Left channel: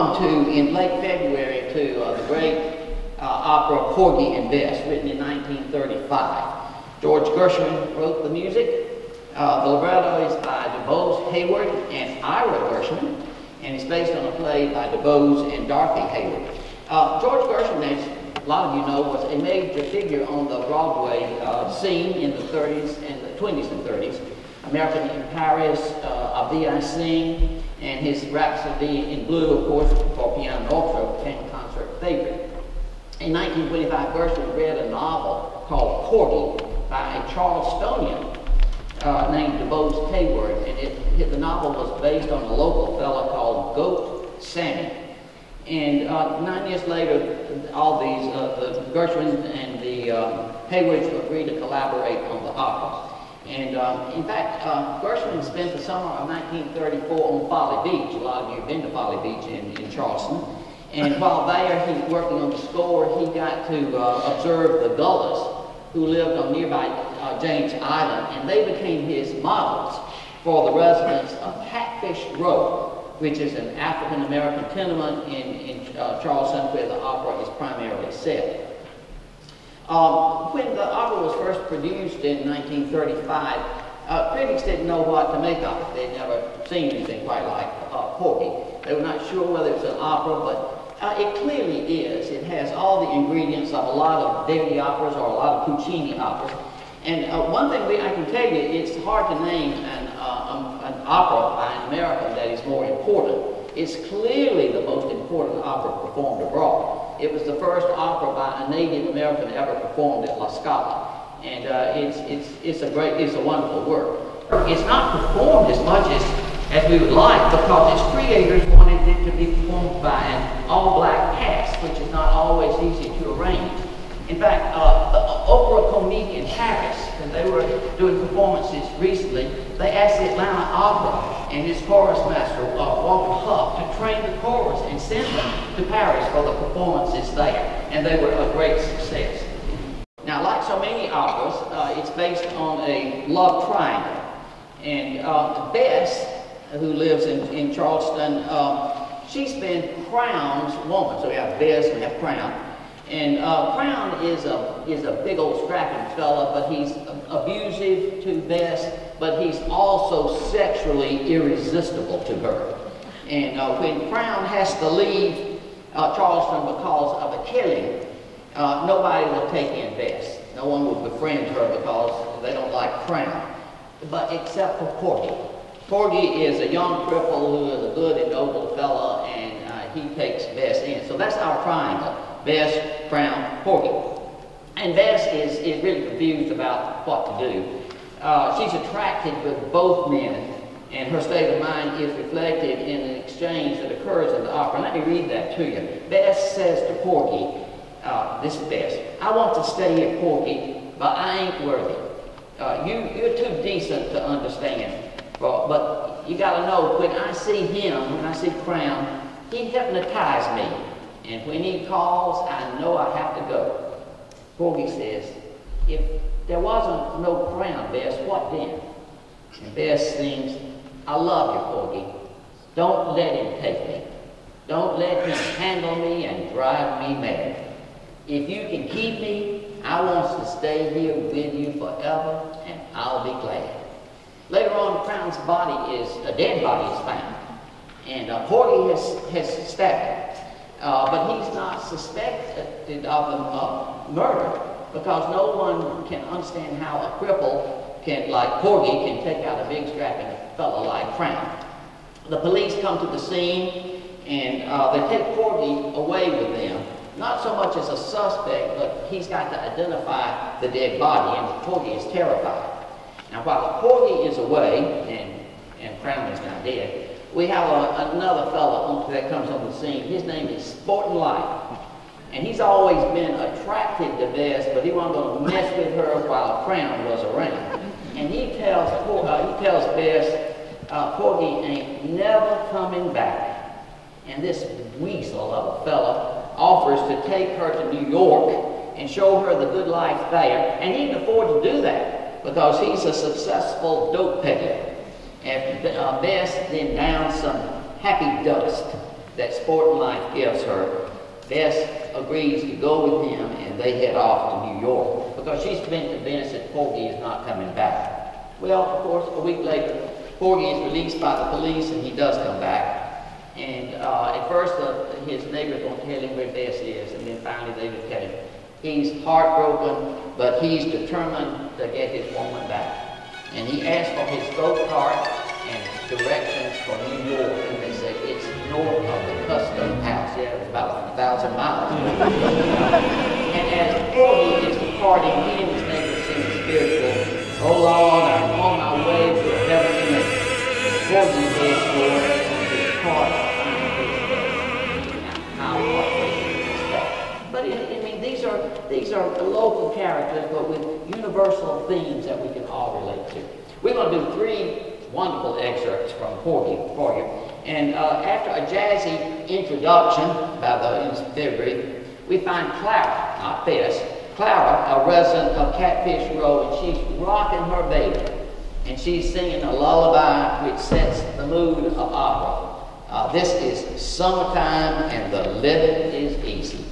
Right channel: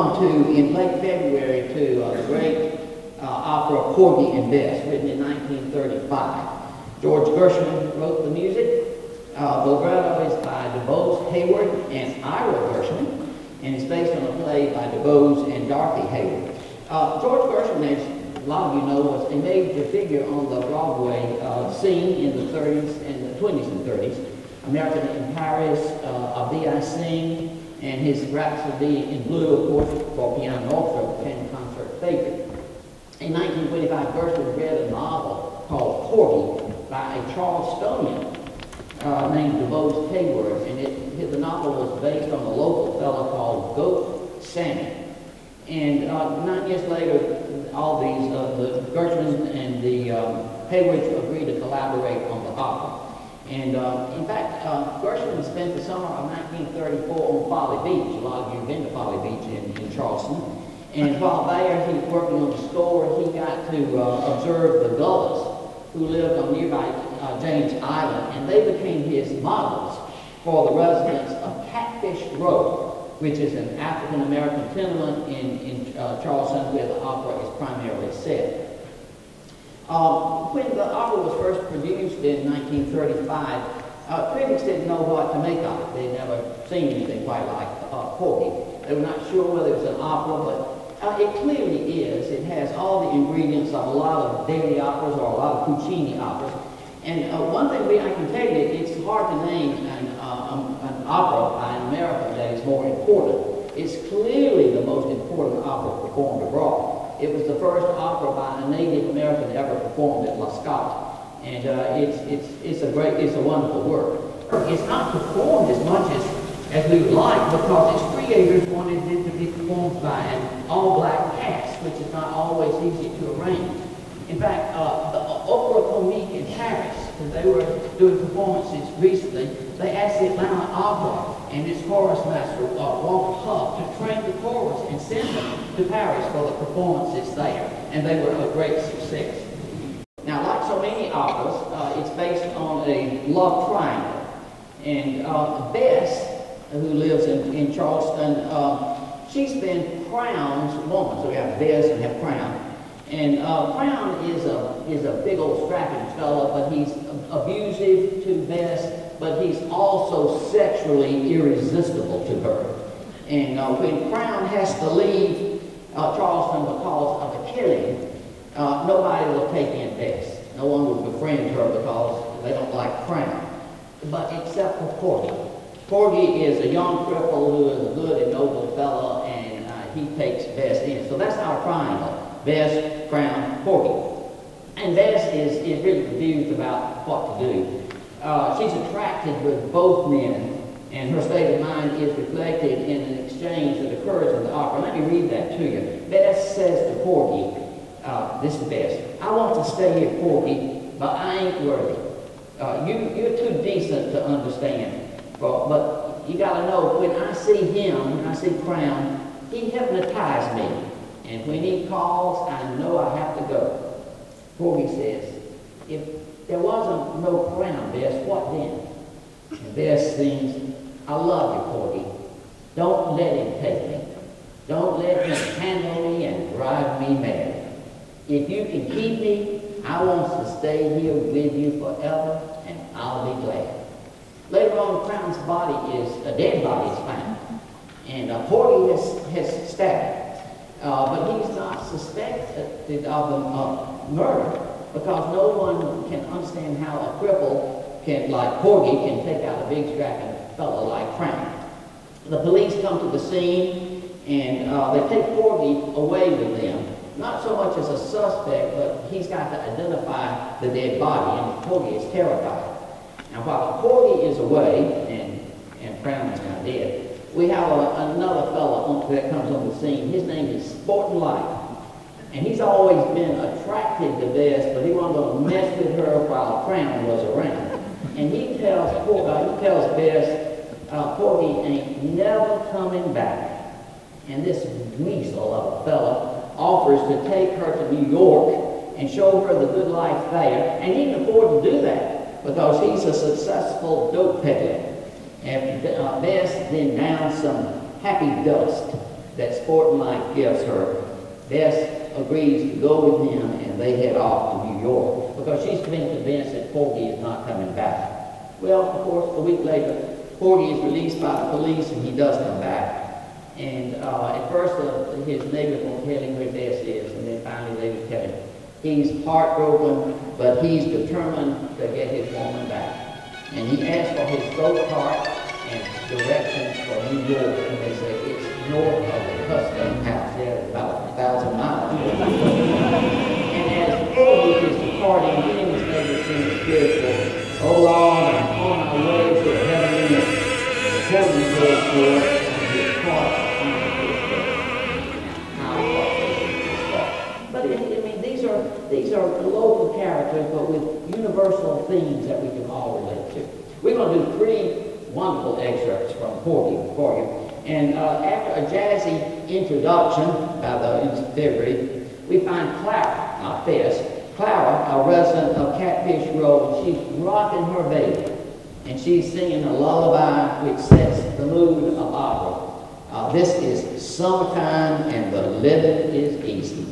come to, in late February, to the great opera Porgy and Bess, written in 1935. George Gershwin wrote the music. The libretto is by DuBose Hayward and Ira Gershwin, and it's based on a play by DuBose and Dorothy Hayward. George Gershwin, as a lot of you know, was a major figure on the Broadway scene in the 30s and the 20s and 30s. American in Paris, A Vie I Sing, and his Rhapsody in Blue, of course, for piano and orchestra, became a concert favorite. In 1925, Gershwin read a novel called Porgy by a Charlestonian named DuBose Hayward, and the novel was based on a local fellow called Goat Sammy. And 9 years later, all these, the Gershwin and the Haywards agreed to collaborate on the opera. And in fact, Gershwin spent the summer of 1934 on Folly Beach. A lot of you have been to Folly Beach in Charleston. And while there, he was working on the score, he got to observe the Gullahs, who lived on nearby James Island, and they became his models for the residents of Catfish Row, which is an African-American tenement in Charleston where the opera is primarily set. When the opera was first produced in 1935, critics didn't know what to make of it. They'd never seen anything quite like Porgy. They were not sure whether it was an opera, but it clearly is. It has all the ingredients of a lot of Verdi operas or a lot of Puccini operas. And one thing I can tell you, it's hard to name an opera by an American that is more important. It's clearly the most important opera performed abroad. It was the first opera by a Native American ever performed at La Scala. And it's a wonderful work. It's not performed as much as we would like because its creators wanted it to be performed by an all-black cast, which is not always easy to arrange. In fact, the Opera Comique in Paris, that they were doing performances recently, they asked the Atlanta Opera and its chorus master, Walter Huff, to train the chorus and send them to Paris for the performances there. And they were a great success. Now, like so many operas, it's based on a love triangle. And Bess, who lives in Charleston, she's been Crown's woman. So we have Bess and we have Crown. And Crown is a big old strapping fella, but he's abusive to Bess, but he's also sexually irresistible to her. And when Crown has to leave Charleston because of a killing, nobody will take in Bess. No one will befriend her because they don't like Crown, but except for Porgy. Porgy is a young cripple who is a good and noble fellow, and he takes Bess in. So that's our triangle. Bess, Crown, Porgy. And Bess is really confused about what to do. She's attracted with both men, and her state of mind is reflected in an exchange that occurs in the opera. Let me read that to you. Bess says to Porgy, this is Bess, I want to stay here, Porgy, but I ain't worthy. You're too decent to understand. But you got to know, when I see him, when I see Crown, he hypnotized me. And when he calls, I know I have to go. Porgy says, if there wasn't no Crown, Bess, what then? And Bess sings, I love you, Porgy. Don't let him take me. Don't let him handle me and drive me mad. If you can keep me, I want to stay here with you forever, and I'll be glad. Later on, Crown's body a dead body is found. And Porgy has stabbed him. But he's not suspected of the murder because no one can understand how a cripple like Porgy can take out a big strapping fellow like Crown. The police come to the scene and they take Porgy away with them. Not so much as a suspect, but he's got to identify the dead body, and Porgy is terrified. Now, while Porgy is away and Crown is not dead, we have another fellow that comes on the scene. His name is Sporting Life. And he's always been attracted to Bess, but he wasn't going to mess with her while Crown was around. And he tells Bess, Porgy ain't never coming back. And this weasel of a fella offers to take her to New York and show her the good life there. And he can afford to do that because he's a successful dope peddler. And Bess then downs some happy dust that sporting life gives her, Bess agrees to go with him, and they head off to New York because she's been convinced that Porgy is not coming back. Well, of course, a week later, Porgy is released by the police, and he does come back. And at first, his neighbors won't tell him where Bess is, and then finally they will tell him. He's heartbroken, but he's determined to get his woman back. And he asks for his go-kart and directions for New York, and they say it's north of the custom house. Yeah, it's about 1,000 miles. And as Porgy is departing, he was making something spiritual. Oh Lord, I'm on my way to heaven. But I mean, these are local characters, but with universal themes that we can all relate to. We're going to do 3 wonderful excerpts from Porgy for you. And after a jazzy introduction by the February, we find Clara, not Bess, Clara, a resident of Catfish Row, and she's rocking her baby. And she's singing a lullaby which sets the mood of opera. This is summertime and the living is easy.